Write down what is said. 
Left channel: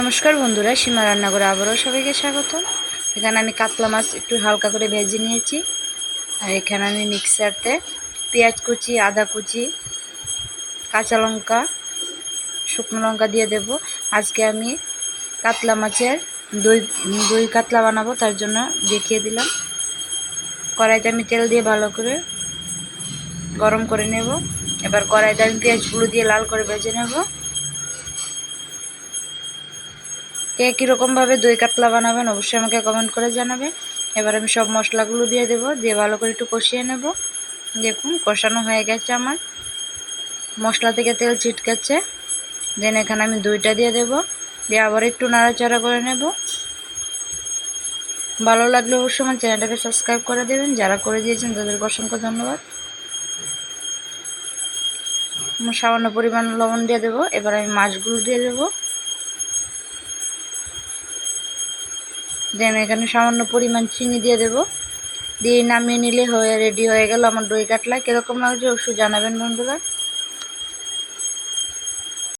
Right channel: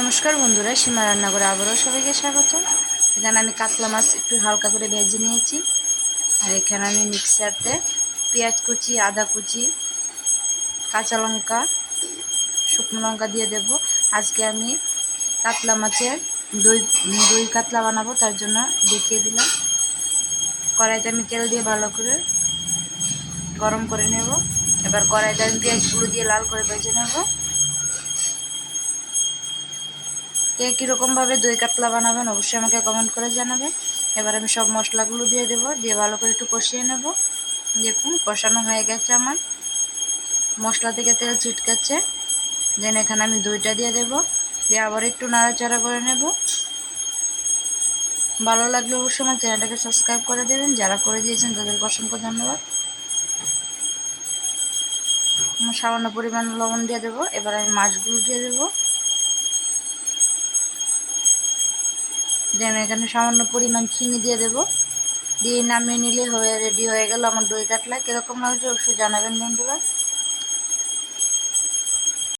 নমস্কার বন্ধুরা, সীমা রান্নাঘরে আবারও সবাইকে স্বাগত। এখানে আমি কাতলা মাছ একটু হালকা করে ভেজে নিয়েছি। আর এখানে আমি মিক্সারতে পেঁয়াজ কুচি, আদা কুচি, কাঁচা লঙ্কা, শুকনো লঙ্কা দিয়ে দেব। আজকে আমি কাতলা মাছের দই দই কাতলা বানাবো, তার জন্য দেখিয়ে দিলাম। কড়াইতে আমি তেল দিয়ে ভালো করে গরম করে নেব। এবার কড়াইতে আমি পেঁয়াজগুলো দিয়ে লাল করে ভেজে নেব। একই রকমভাবে দই কাতলা বানাবেন অবশ্যই আমাকে কমেন্ট করে জানাবেন। এবার আমি সব মশলাগুলো দিয়ে দেব, দিয়ে ভালো করে একটু কষিয়ে নেব। দেখুন কষানো হয়ে গেছে আমার, মশলা থেকে তেল ছিটকাচ্ছে। দেন এখানে আমি দইটা দিয়ে দেব, দিয়ে আবার একটু নাড়াচাড়া করে নেব। ভালো লাগলে অবশ্যই আমার চ্যানেলটাকে সাবস্ক্রাইব করে দেবেন, যারা করে দিয়েছেন তাদেরকে অসংখ্য ধন্যবাদ। সামান্য পরিমাণ লবণ দিয়ে দেবো। এবার আমি মাছগুলো দিয়ে দেবো। দেন এখানে সামান্য পরিমাণ চিনি দিয়ে দেবো, দিয়ে নামিয়ে নিলে রেডি হয়ে গেল আমার দই কাতলা। কীরকম লাগছে অবশ্যই জানাবেন বন্ধুরা।